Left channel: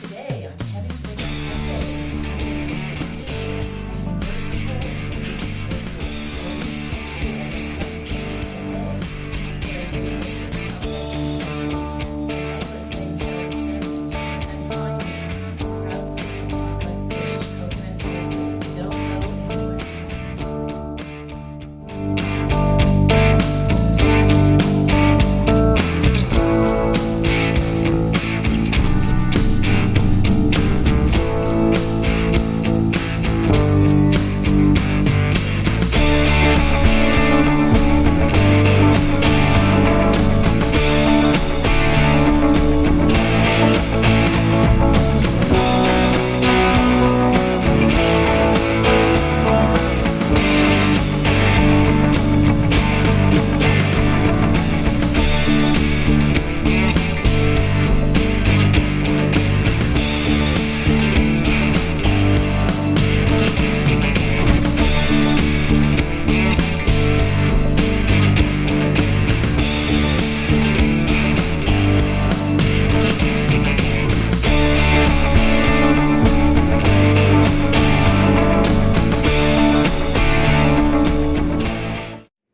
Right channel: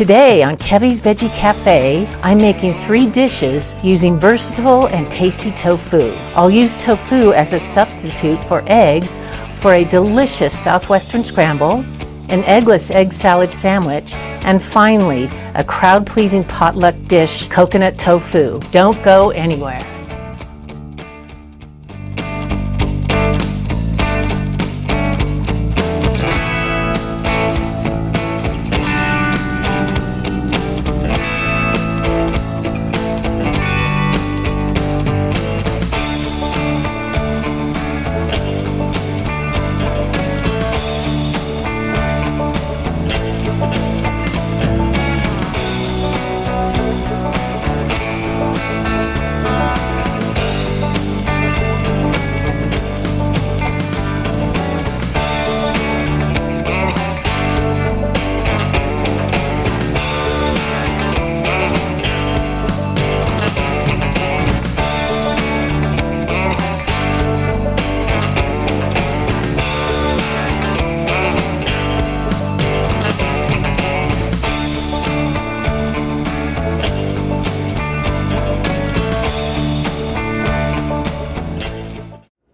Today on Kevie's Veggie Cafe, I'm making 3 dishes using versatile and tasty tofu. I'll use tofu as a substitute for eggs for a delicious Southwestern scramble, an eggless egg salad sandwich, and finally, a crowd-pleasing potluck dish, coconut tofu. Don't go anywhere.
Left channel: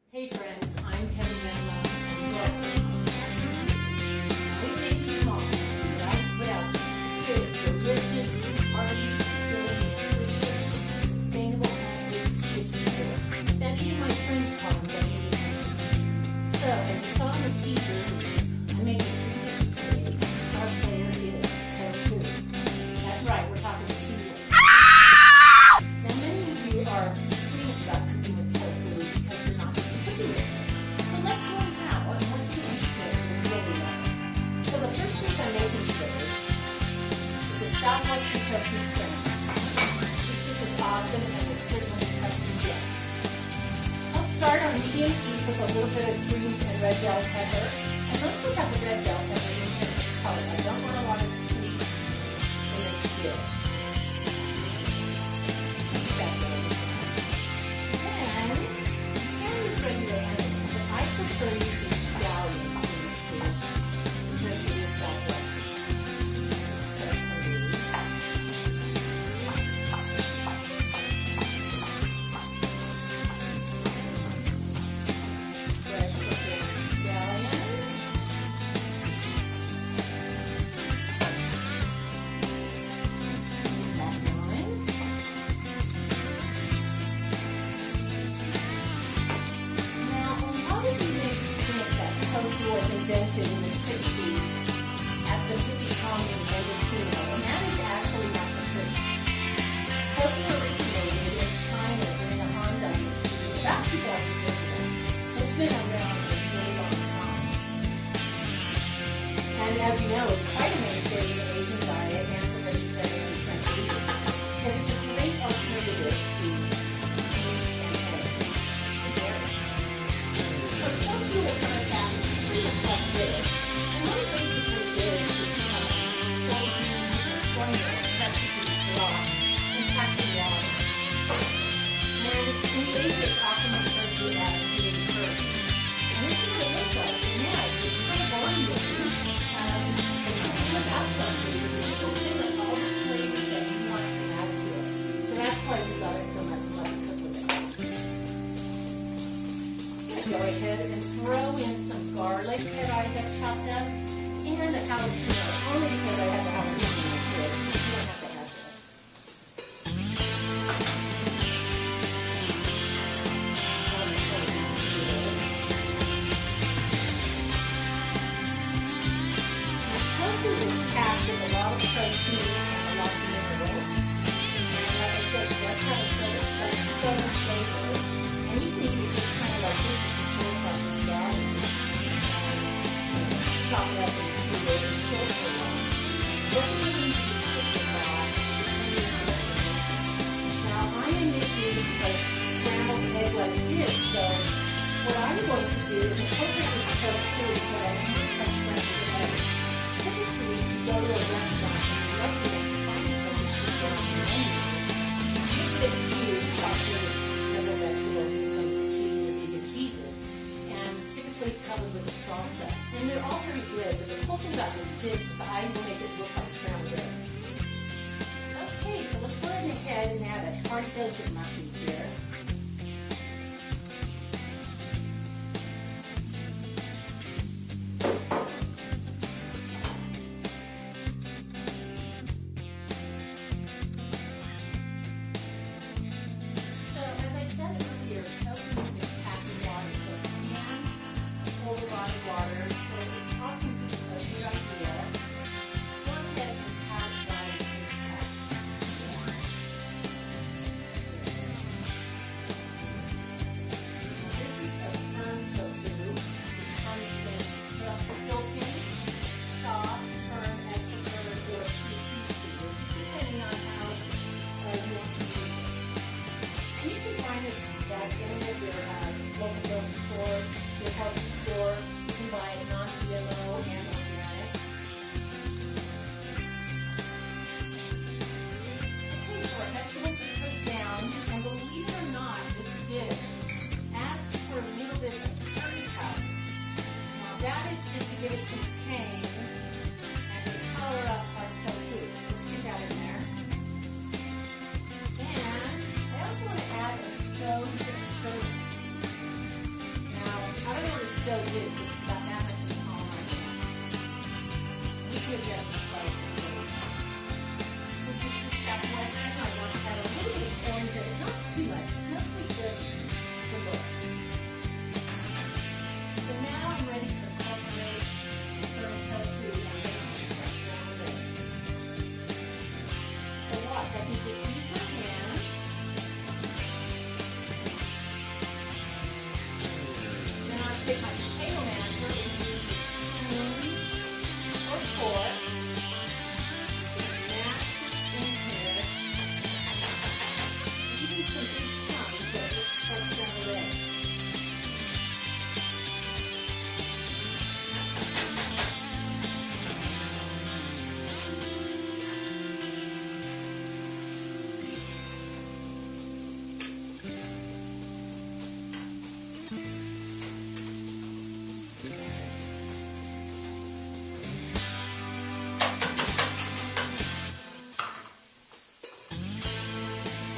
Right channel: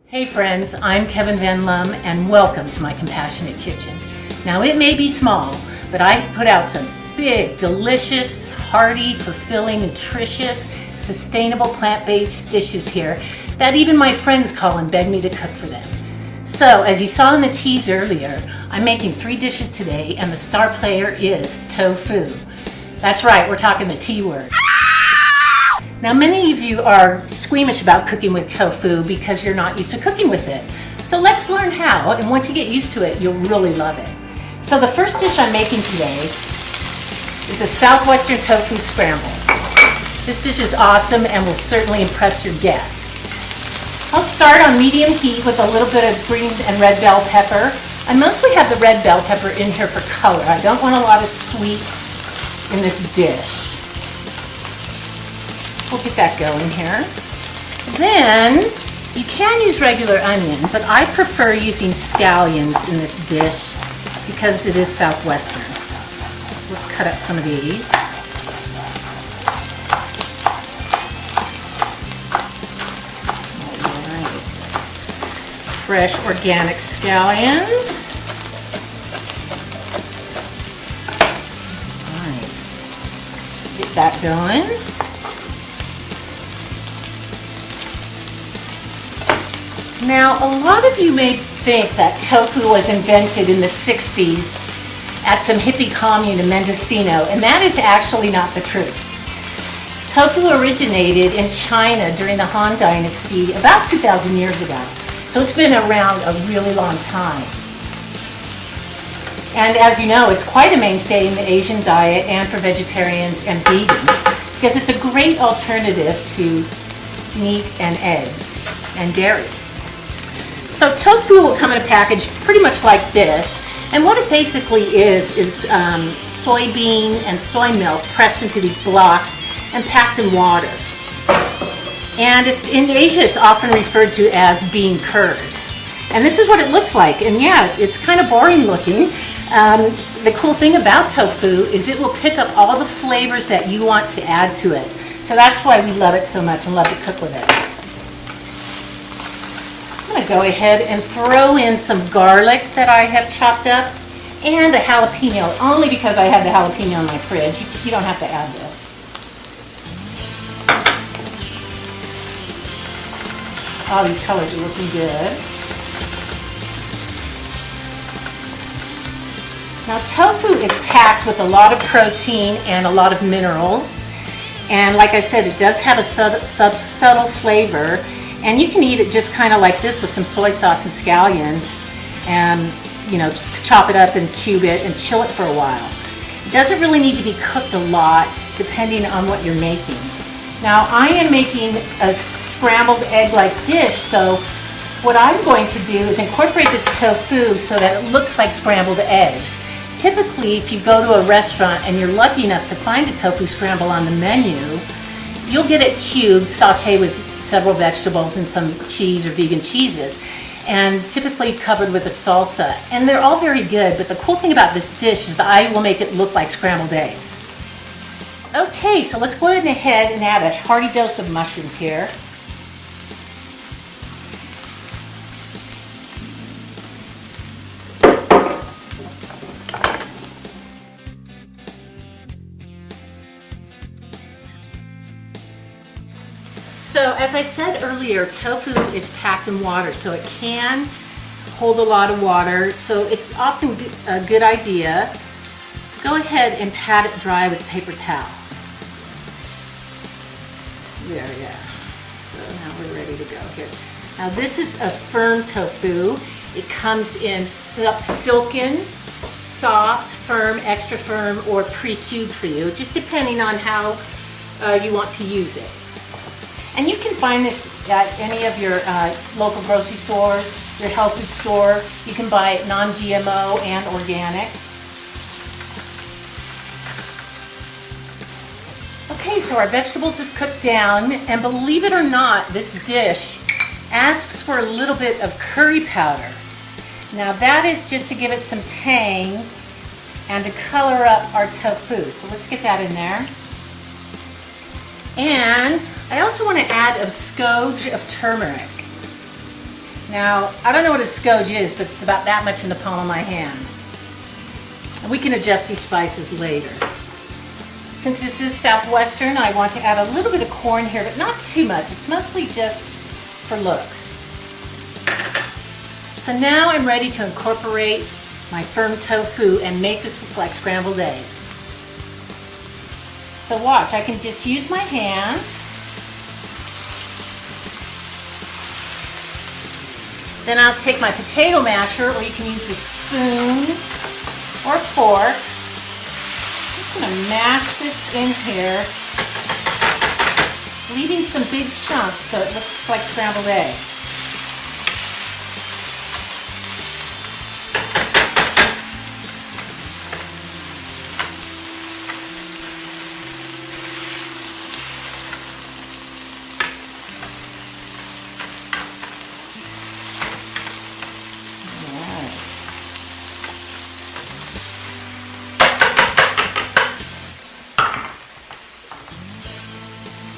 Hey friends, I'm Kevin Van Lum and welcome to my Compassionate Kitchen. Now it may be small, but I put out some big, delicious, hearty, fulfilling, nutritious, sustainable plant-based dishes here that even my friends call and beg me to cook for them. So as you saw in the tease earlier, I'm making 3 dishes today and the star player is tofu. That's right, we're talking the T word. Now many of you are squeamish about cooking with tofu because you're not used to cooking with it. So let's learn how, and once you get used to it, you'll really love it. So the first dish I'm making today is a Southwestern tofu scramble. This dish is awesome and will certainly impress your guests. I'll start on medium heat with a little bit of green and red bell pepper. I mostly have the red bell pepper in here for color. I don't want a lot of sweet in this dish. We'll get that going here. Then, you can use regular onion, but I prefer using scallions in this dish because it is Southwestern. So let's cut up some of these. Alright. Fresh organic scallions. Alright. Get that going. Now, a lot of you may think that tofu was invented in the 60s at some hippie commune in Mendocino, and that is actually not the truth. Tofu originated in China during the Han Dynasty about 2,000 years ago, so it's been around a really long time. And as you know, it's quite a mainstay in the Asian diet and for vegetarians and vegans because it's a great alternative to meat and eggs and dairy. So tofu will come in a package pretty much like this, and what it basically is soybean and soy milk pressed into these blocks and packed in water. And in Asia it's often referred to as bean curd. And this is what it looks like, and yeah, it's kind of boring looking. The cool thing about tofu is it will pick up all the flavors that you want to add to it. So that's why we love it so much and love to cook with it. I'm going to go ahead and throw in some garlic that I have chopped up and a jalapeno, only because I have the jalapeno in my fridge. You don't have to add this. Oh, these colors are looking good. Now tofu is packed with a lot of protein and a lot of minerals. And like I said, it does have a subtle flavor. And you can eat it just kind of like this with some soy sauce and scallions and, you know, chop it up and cube it and chill it for a while. It doesn't really need to be cooked a lot depending on what you're making. Now I am making a scrambled egg-like dish, so what I'm going to do is incorporate this tofu so that it looks like scrambled eggs. Typically, if you go to a restaurant and you're lucky enough to find a tofu scramble on the menu, you'll get it cubed, sauteed with several vegetables and some cheese or vegan cheeses. and typically covered with a salsa. And they're all very good, but the cool thing about this dish is I will make it look like scrambled eggs. Okay, so let's go ahead and add a hearty dose of mushrooms here. So as I said earlier, tofu is packed in water, so it can hold a lot of water. So it's often a good idea to go ahead and pat it dry with a paper towel. There, yeah. So now we're ready to go here. Now this is a firm tofu. It comes in silken, soft, firm, extra firm, or pre-cubed for you, just depending on how you want to use it. And you can find this at any of your local grocery stores, your health food store. You can buy it non-GMO and organic. Okay, so our vegetables have cooked down, and believe it or not, this dish asks for a little bit of curry powder. Now that is just to give it some tang and to color up our tofu. So let's get that in there. And I also want to add a skoge of turmeric. Now, I don't know what a skoge is, but it's about that much in the palm of my hand. And we can adjust these spices later. Since this is Southwestern, I want to add a little bit of corn here, but not too much. It's mostly just for looks. So now I'm ready to incorporate my firm tofu and make this look like scrambled eggs. So watch, I can just use my hands. Then I'll take my potato masher, or you can use a spoon or fork. I'm just gonna mash this in here, leaving some big chunks so it looks like scrambled eggs.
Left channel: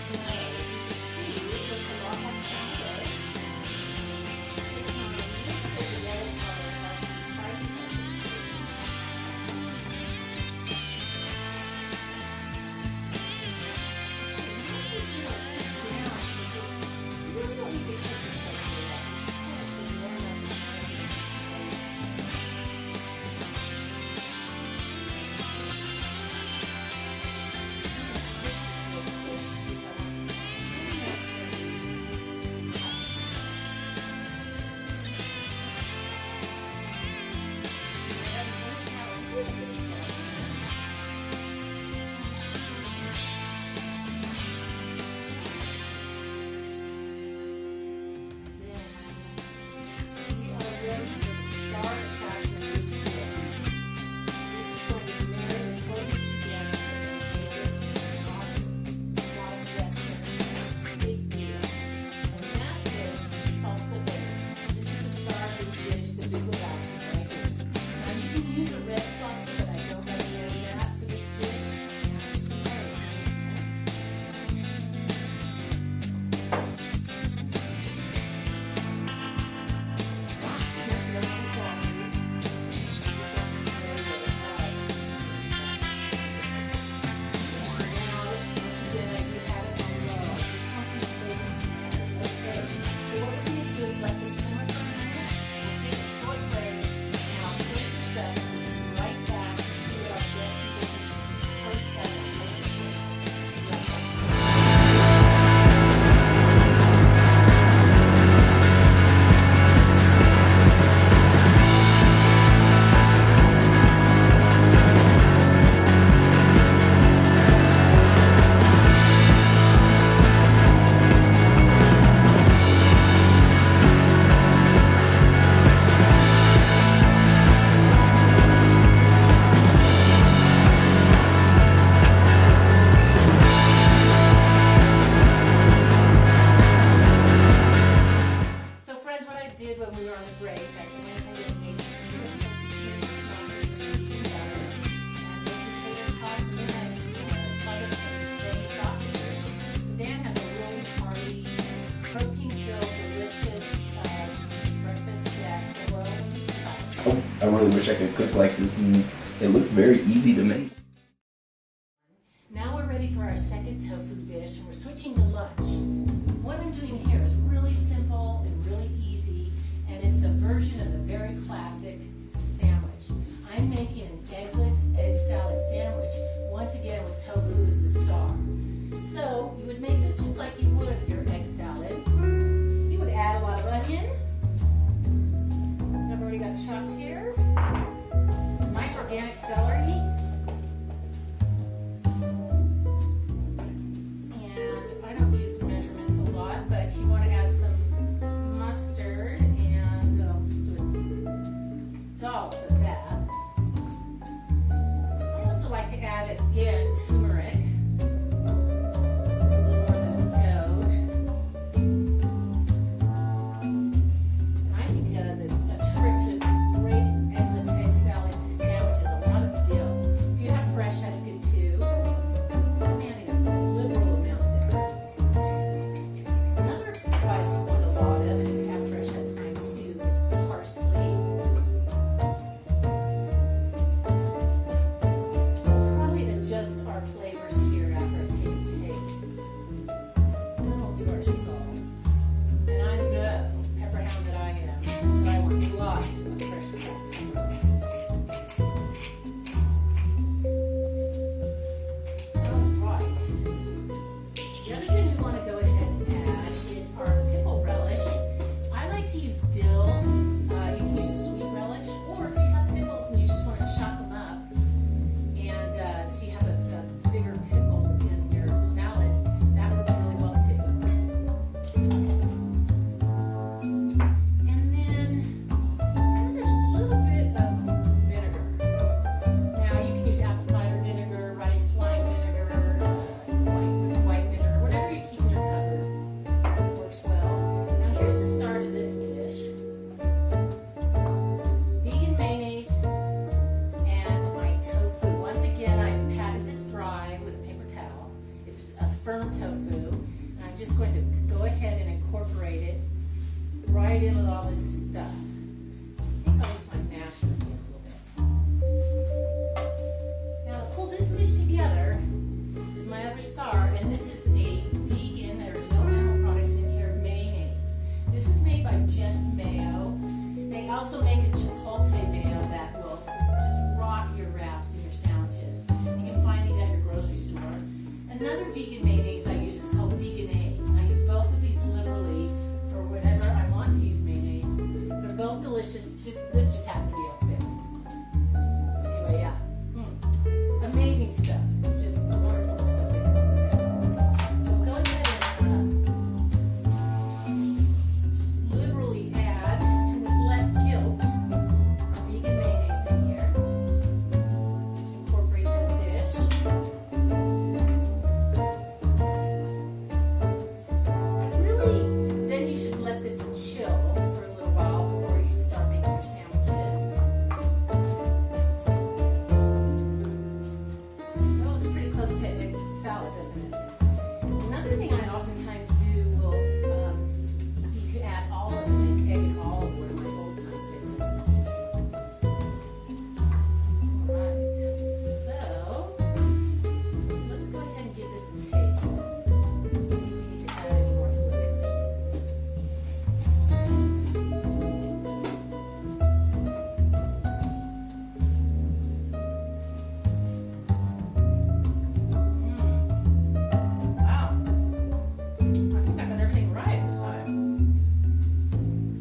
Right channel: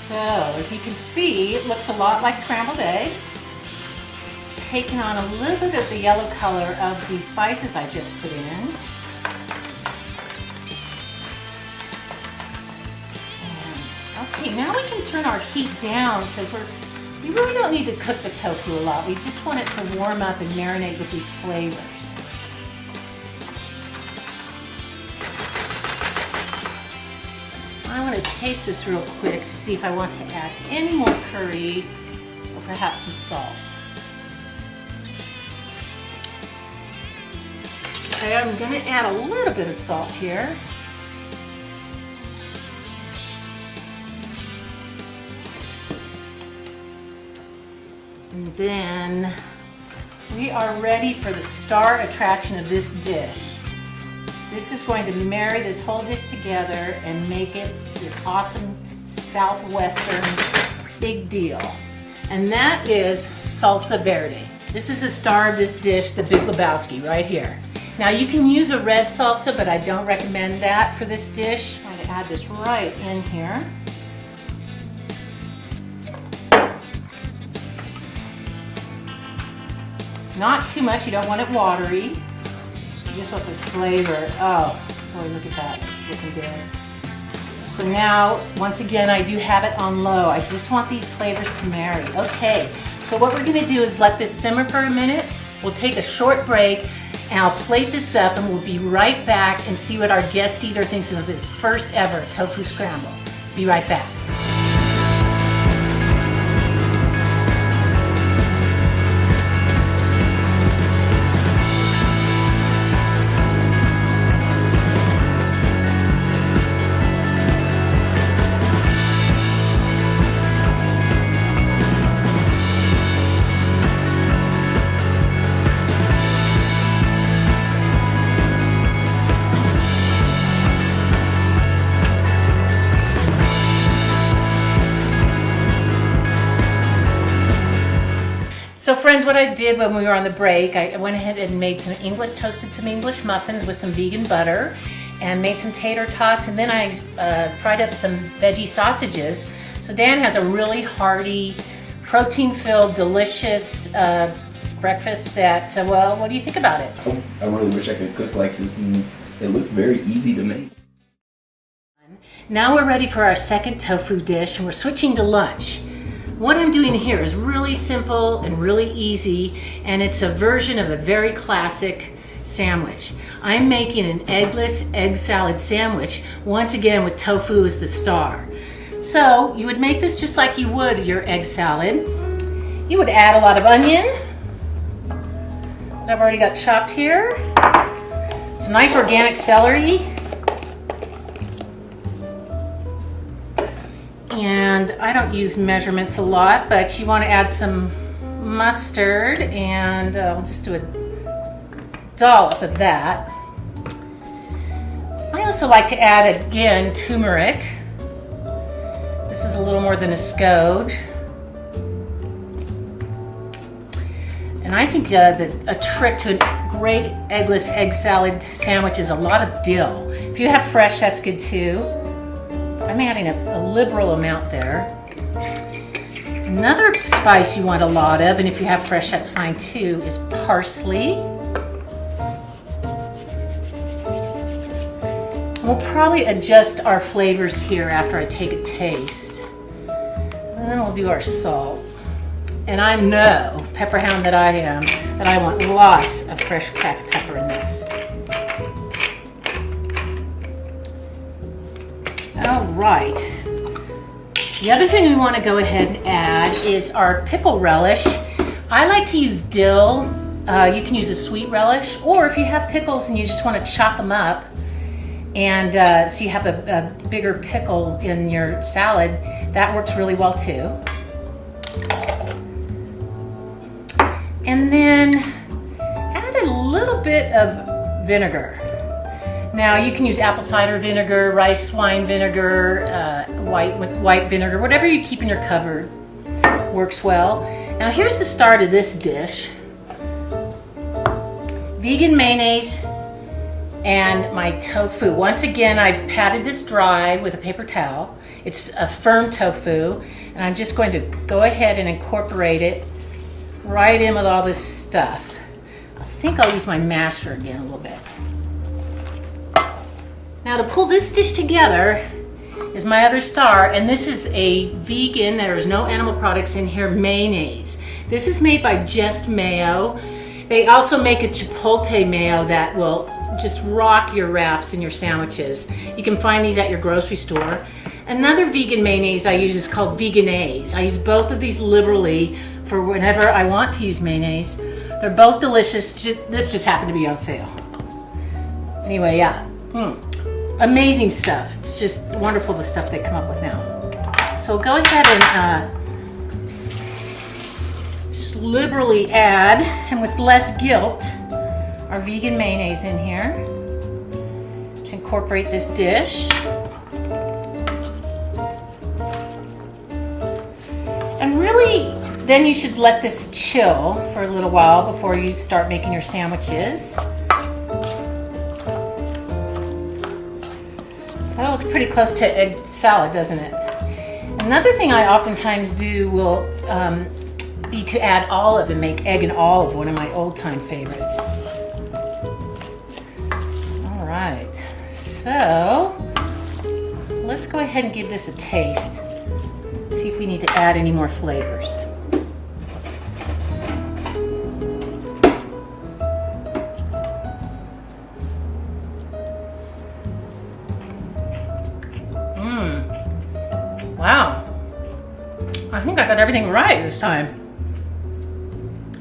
So, as you can see, it looks a lot like scrambled eggs. It's taking on a little bit of the yellow color of the spices I just put in. Okay, now we can turn our heat down because we really don't need to cook the tofu a lot. We just want it to warm up and marinate with these flavors. I want to taste this real quick to see if I want to add any more curry or perhaps some salt. Okay, I'm going to add a little bit of salt here. And then we are ready for the star attraction of this dish. This is going to marry this whole dish together and make it this awesome Southwestern big deal. And that is salsa verde. This is the star of this dish, the Big Lebowski, right here. Now you can use a red salsa, but I don't recommend that for this dish. I'm going to add this right in here. Not too much, you don't want it watery. You just want this flavor. Oh, look at that, it's looking good. So now, once again, I do have it on low. I just want these flavors to marry. Okay, so what we're gonna do is let this simmer for a minute. We'll take a short break, and I'll plate this up, and we'll be right back and see what our guest eater thinks of this first ever tofu scramble. Be right back. So friends, what I did when we were on the break, I went ahead and made toasted some English muffins with some vegan butter. and made some tater tots, and then I fried up some veggie sausages. So Dan has a really hearty, protein-filled, delicious breakfast that, well, what do you think about it? I really wish I could cook like this, and it looks very easy to make. Now we're ready for our second tofu dish, and we're switching to lunch. What I'm doing here is really simple and really easy, and it's a version of a very classic sandwich. I'm making an eggless egg salad sandwich, once again with tofu as the star. So you would make this just like you would your egg salad. You would add a lot of onion that I've already got chopped here, some nice organic celery, and I don't use measurements a lot, but you want to add some mustard, and I'll just do a dollop of that. I also like to add, again, turmeric. This is a little more than a scotch. And I think a trick to a great eggless egg salad sandwich is a lot of dill. If you have fresh, that's good too. I'm adding a liberal amount there. Another spice you want a lot of, and if you have fresh, that's fine too, is parsley. We'll probably adjust our flavors here after I take a taste. And then we'll do our salt. And I know, pepper hound that I am, that I want lots of fresh cracked pepper in this. All right. The other thing we want to go ahead and add is our pickle relish. I like to use dill. You can use a sweet relish, or if you have pickles and you just want to chop them up, and so you have a bigger pickle in your salad, that works really well too. And then add a little bit of vinegar. Now you can use apple cider vinegar, rice wine vinegar, white vinegar, whatever you keep in your cupboard works well. Now here's the start of this dish. Vegan mayonnaise and my tofu. Once again, I've patted this dry with a paper towel. It's a firm tofu, and I'm just going to go ahead and incorporate it right in with all this stuff. I think I'll use my masher again a little bit. Now to pull this dish together is my other star, and this is a vegan, there's no animal products in here, mayonnaise. This is made by Just Mayo. They also make a chipotle mayo that will just rock your wraps and your sandwiches. You can find these at your grocery store. Another vegan mayonnaise I use is called Vegenaise. I use both of these liberally for whenever I want to use mayonnaise. They're both delicious. This just happened to be on sale. Anyway, yeah. Amazing stuff. It's just wonderful the stuff they come up with now. So go ahead and just liberally add, and with less guilt, our vegan mayonnaise in here to incorporate this dish. And really, then you should let this chill for a little while before you start making your sandwiches. That looks pretty close to egg salad, doesn't it? Another thing I oftentimes do will be to add olive and make egg and olive, one of my old-time favorites. All right, so let's go ahead and give this a taste. See if we need to add any more flavors. Wow, I think I got everything right this time.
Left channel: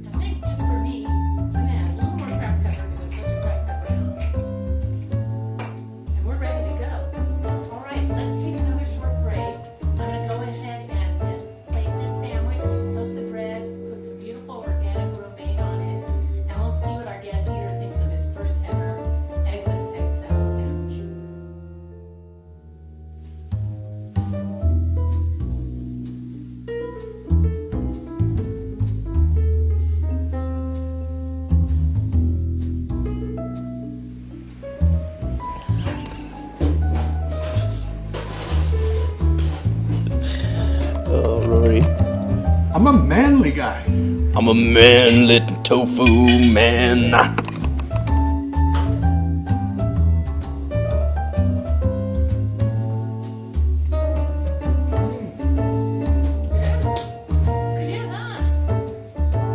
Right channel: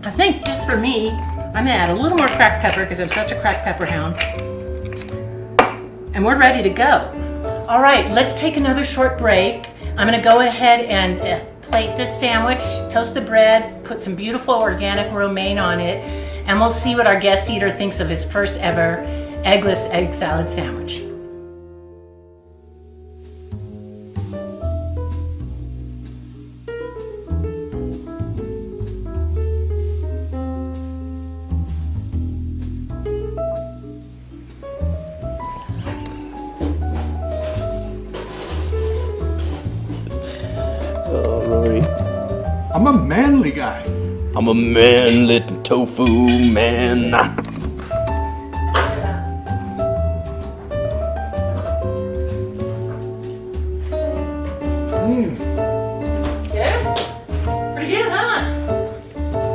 I think just for me, I'm gonna add a little more cracked pepper because I'm such a cracked pepper hound. And we're ready to go. All right, let's take another short break. I'm gonna go ahead and plate this sandwich, toast the bread, put some beautiful organic romaine on it, and we'll see what our guest eater thinks of his first ever eggless egg salad sandwich. I'm a manly guy. I'm a manly tofu man. Pretty good, huh?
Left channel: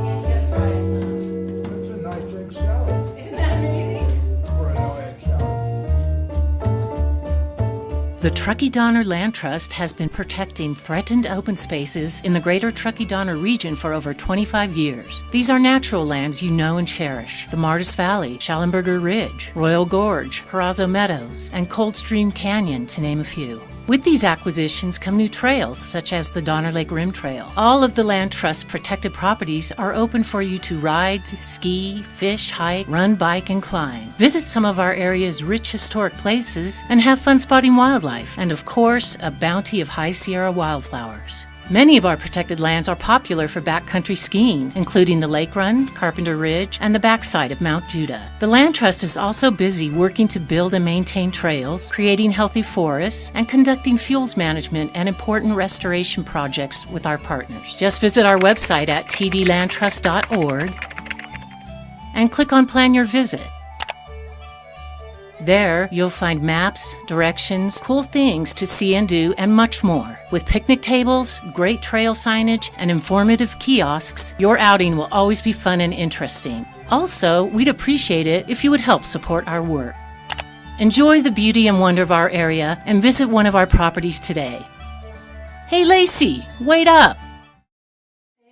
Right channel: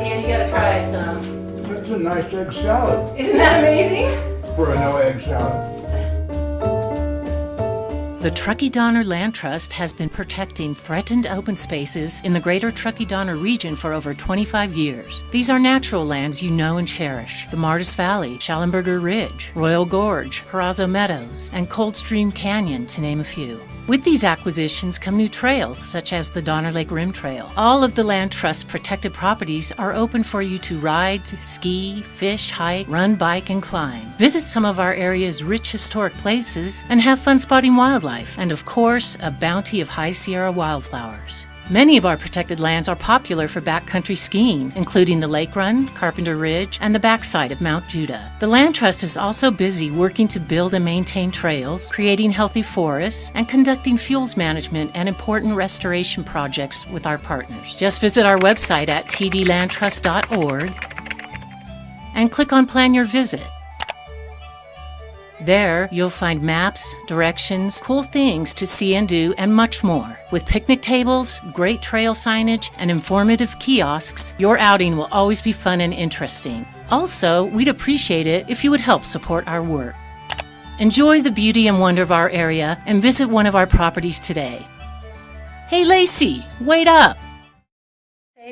Dan, you gotta try some. That's a nice egg salad Isn't that amazing? for a no egg salad.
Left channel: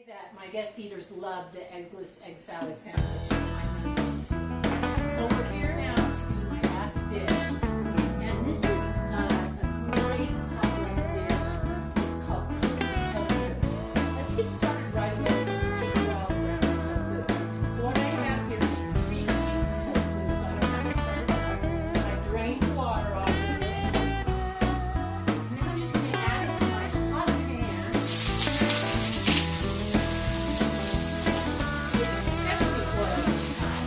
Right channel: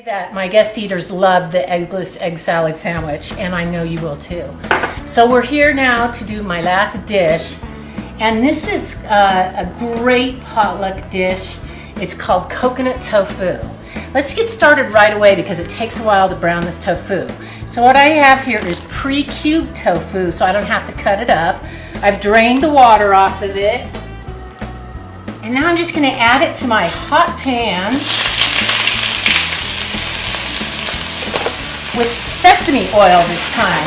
That my guest eaters love the eggless egg salad sandwich, and I know you will too. So we're here now to do my last dish, and this is a great potluck dish. It's called coconut tofu. Let's get started right away because it takes a while to brown this tofu. So what I have here is pre-cubed tofu, so I don't have to cut it up. I've drained the water off of it, and now I'm just going to add it to my hot pan with sesame oil this time.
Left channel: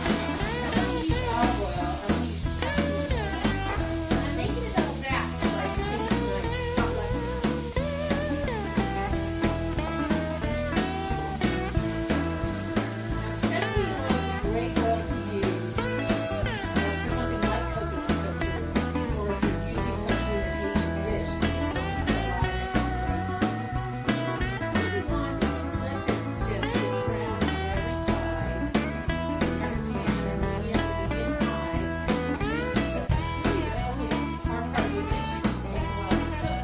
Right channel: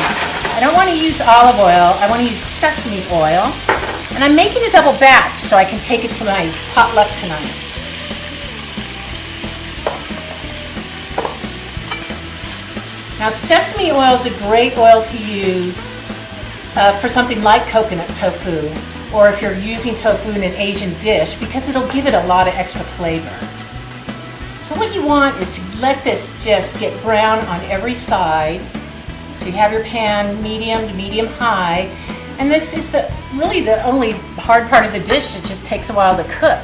I don't want to use olive oil, I want to use sesame oil. And I'm making a double batch so I can take it to my potluck tonight. Now sesame oil is a great oil to use for something like coconut tofu, or if you're using tofu in an Asian dish, because it'll give it a lot of extra flavor. So what you want is to let this just get brown on every side. So you have your pan medium to medium high. And this is really the only hard part of the dish. It just takes a while to cook.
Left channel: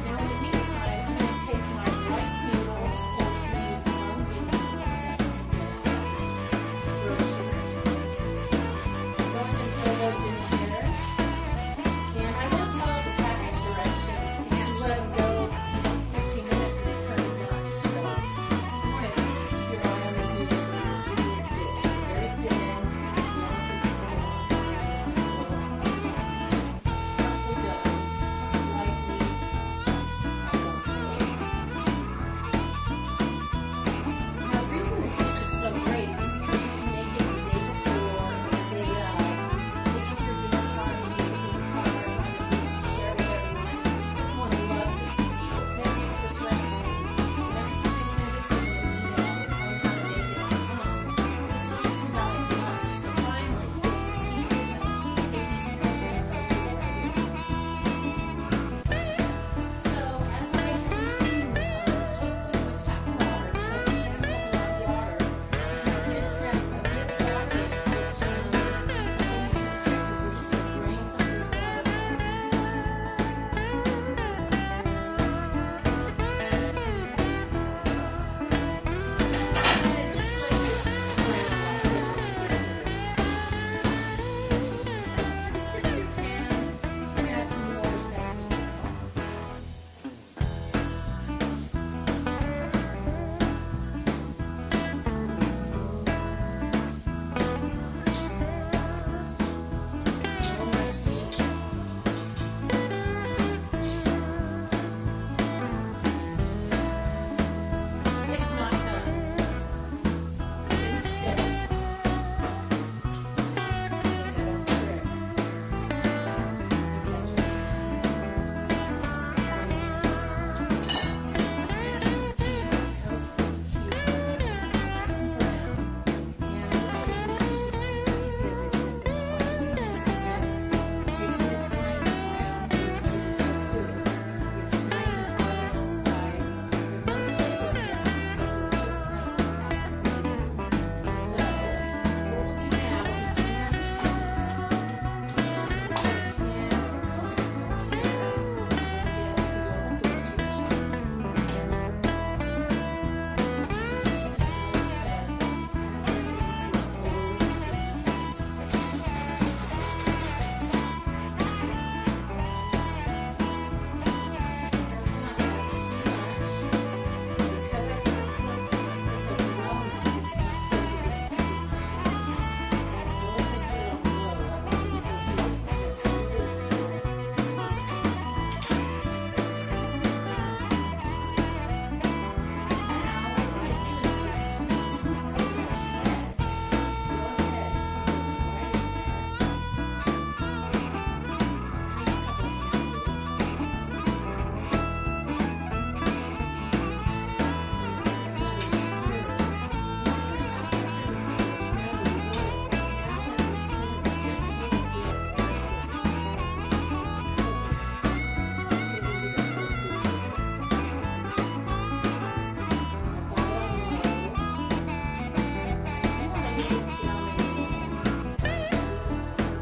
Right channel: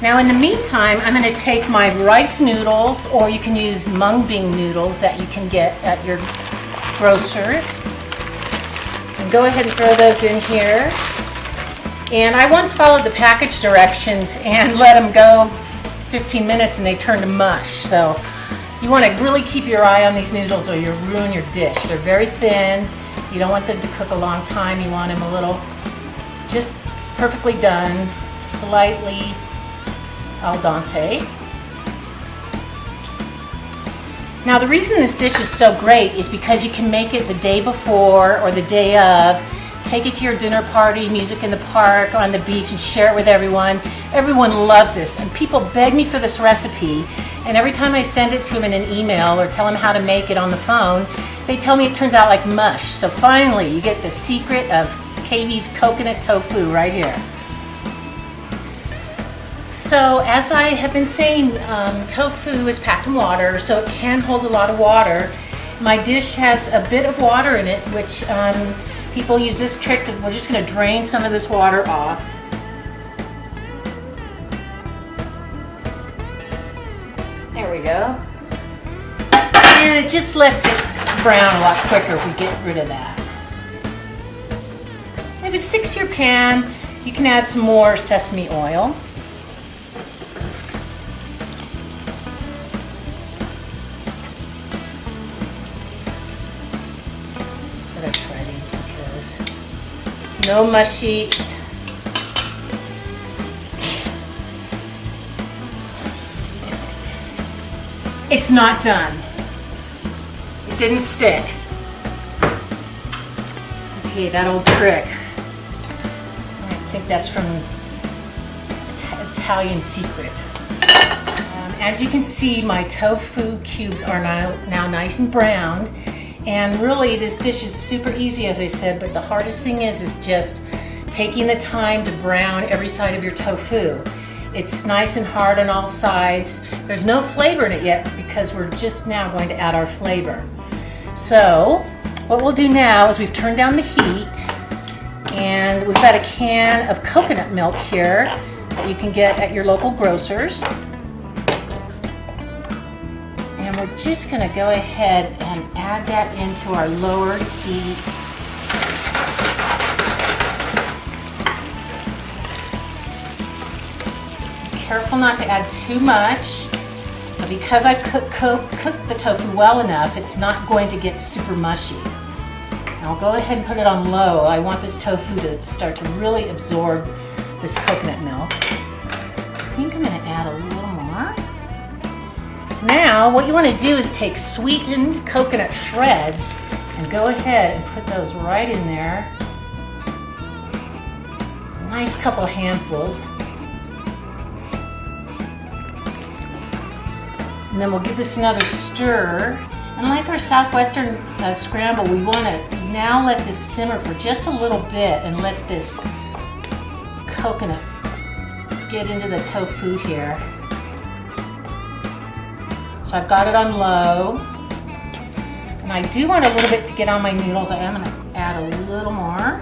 Now in the meantime, I'm going to take my rice noodles, or you can use mung bean noodles that you can get at your grocer. And go ahead and throw those in here. And I once followed the package directions and let them go 15 minutes and they turn to mush. So you want to really keep your eye on these noodles or you'll ruin your dish. They're very thin. You don't want them to cook a long time. You want them a little, just perfectly done, slightly al dente. Now the reason this dish is so great is because you can make it the day before or the day of. Take it to your dinner party, music in the park, on the beach, and share it with everyone. Everyone loves this, and people beg me for this recipe, and every time I send it to them in an email or tell them how to make it on the phone, they tell me it turns out like mush. So finally, you get the secret of Kevie's coconut tofu right here. So as I have been saying, tofu is packed in water, so it can hold a lot of water. My dish has a bit of water in it, which people use this trick to, we're just going to drain some of this water off. There we go. And it just lets it brown a lot quicker if we get rid of that. If it sticks to your pan, you can add some more sesame oil. No mushy. It's not done. It didn't stick. Okay, that old trick. I think that's from Italian Secret. As you can see, my tofu cubes are now nice and browned. And really, this dish is super easy, as I said, but the hardest thing is just taking the time to brown every side of your tofu. It's nice and hard on all sides. There's no flavor in it yet because we're just now going to add our flavor. So what we'll do now is we've turned down the heat, and we've got a can of coconut milk here that you can get at your local grocer's. And we're just going to go ahead and add that into our lower heat. Careful not to add too much. Because I cooked the tofu well enough, it's not going to get super mushy. I'll go ahead and put it on low. I want this tofu to start to really absorb this coconut milk. I think I'm going to add a little more. Now, what you want to do is take sweetened coconut shreds and go ahead and put those right in there. A nice couple handfuls. And then we'll give this another stir. And like our Southwestern scramble, we want to now let this simmer for just a little bit and let this coconut get into the tofu here. So I've got it on low. And I do want a little bit to get on my noodles. I am going to add a little more.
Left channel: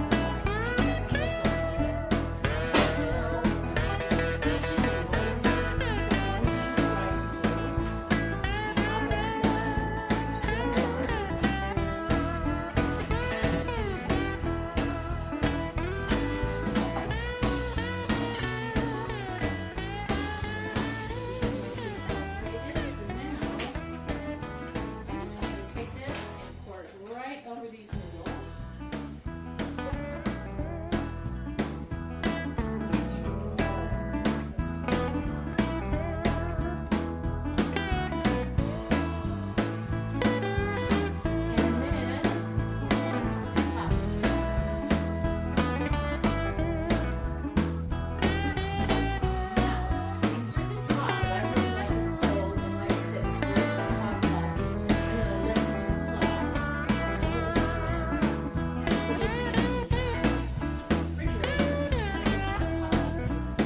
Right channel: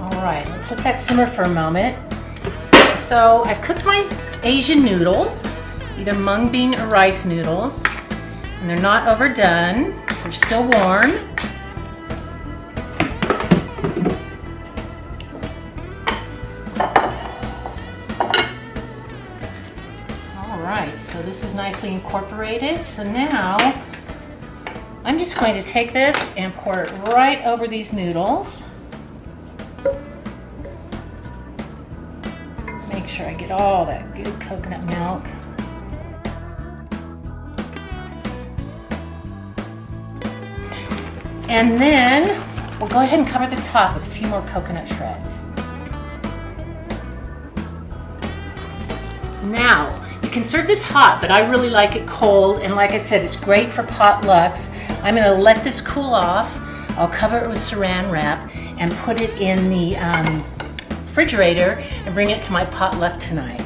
All right, let's let that simmer for a moment. So I've cooked my Asian noodles, either mung bean or rice noodles, and they're not overdone, they're still warm. Alright, so this is nicely incorporated. So now I'm just going to take this and pour it right over these noodles. Make sure I get all that good coconut milk. And then we'll go ahead and cover the top with a few more coconut shreds. Now, you can serve this hot, but I really like it cold, and like I said, it's great for potlucks. I'm going to let this cool off. I'll cover it with saran wrap and put it in the refrigerator and bring it to my potluck tonight.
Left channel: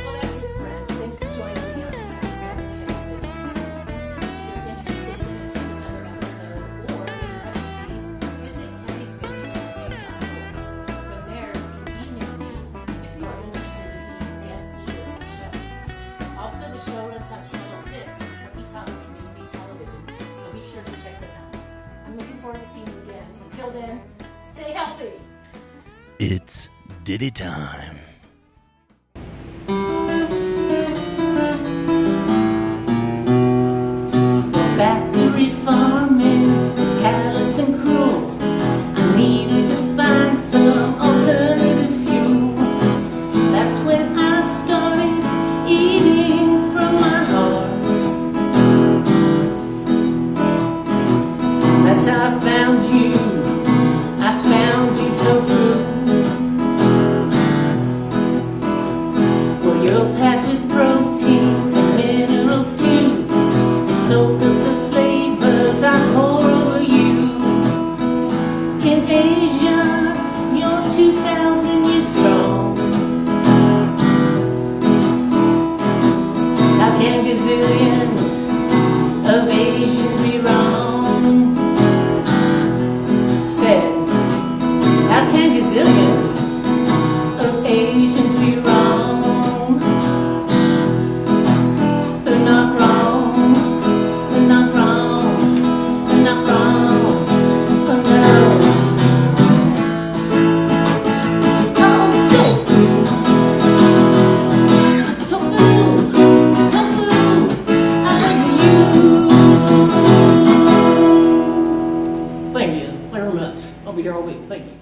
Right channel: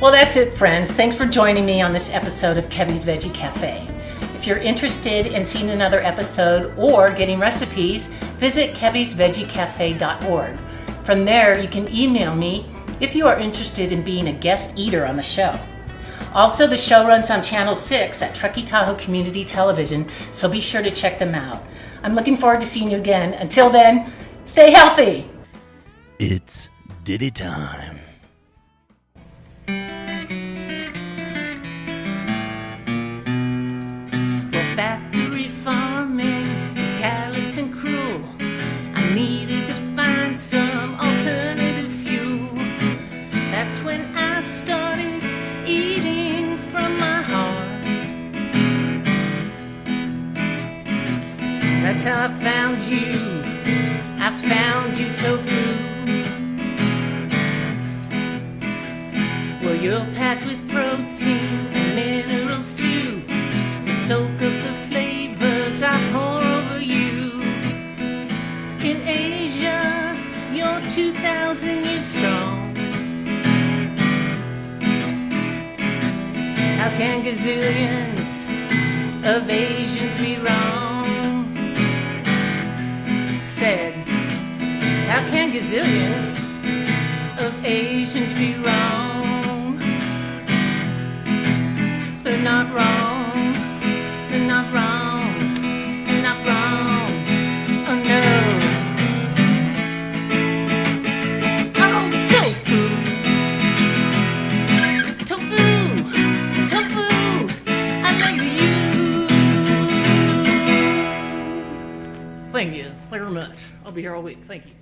Well, that's it, friends. Thanks for joining me on this episode of Kevie's Veggie Cafe. If you're interested in seeing another episode or getting recipes, visit keviesveggiecafe.org. From there, you can email me if you are interested in being a guest eater on the show. Also, the show runs on Channel 6 at Truckee Tahoe Community Television, so be sure to check them out. I'm looking forward to seeing you again. Until then, stay healthy. It's Diddy time. Factory farming is callous and cruel. I needed to find some alternative fuel. That's when I started eating from my heart. That's how I found you. I found you, tofu. Well, you're packed with protein and minerals too. Soak up the flavors I pour over you. In Asia, you're 2,000 years strong. How can gazillions of Asians be wrong? Said, how can gazillions of Asians be wrong? They're not wrong. They're not wrong. They're not wrong. Oh no. Oh, tofu. Tofu. Tofu. I love you. Thank you very much. I'll be here all week. Thank you.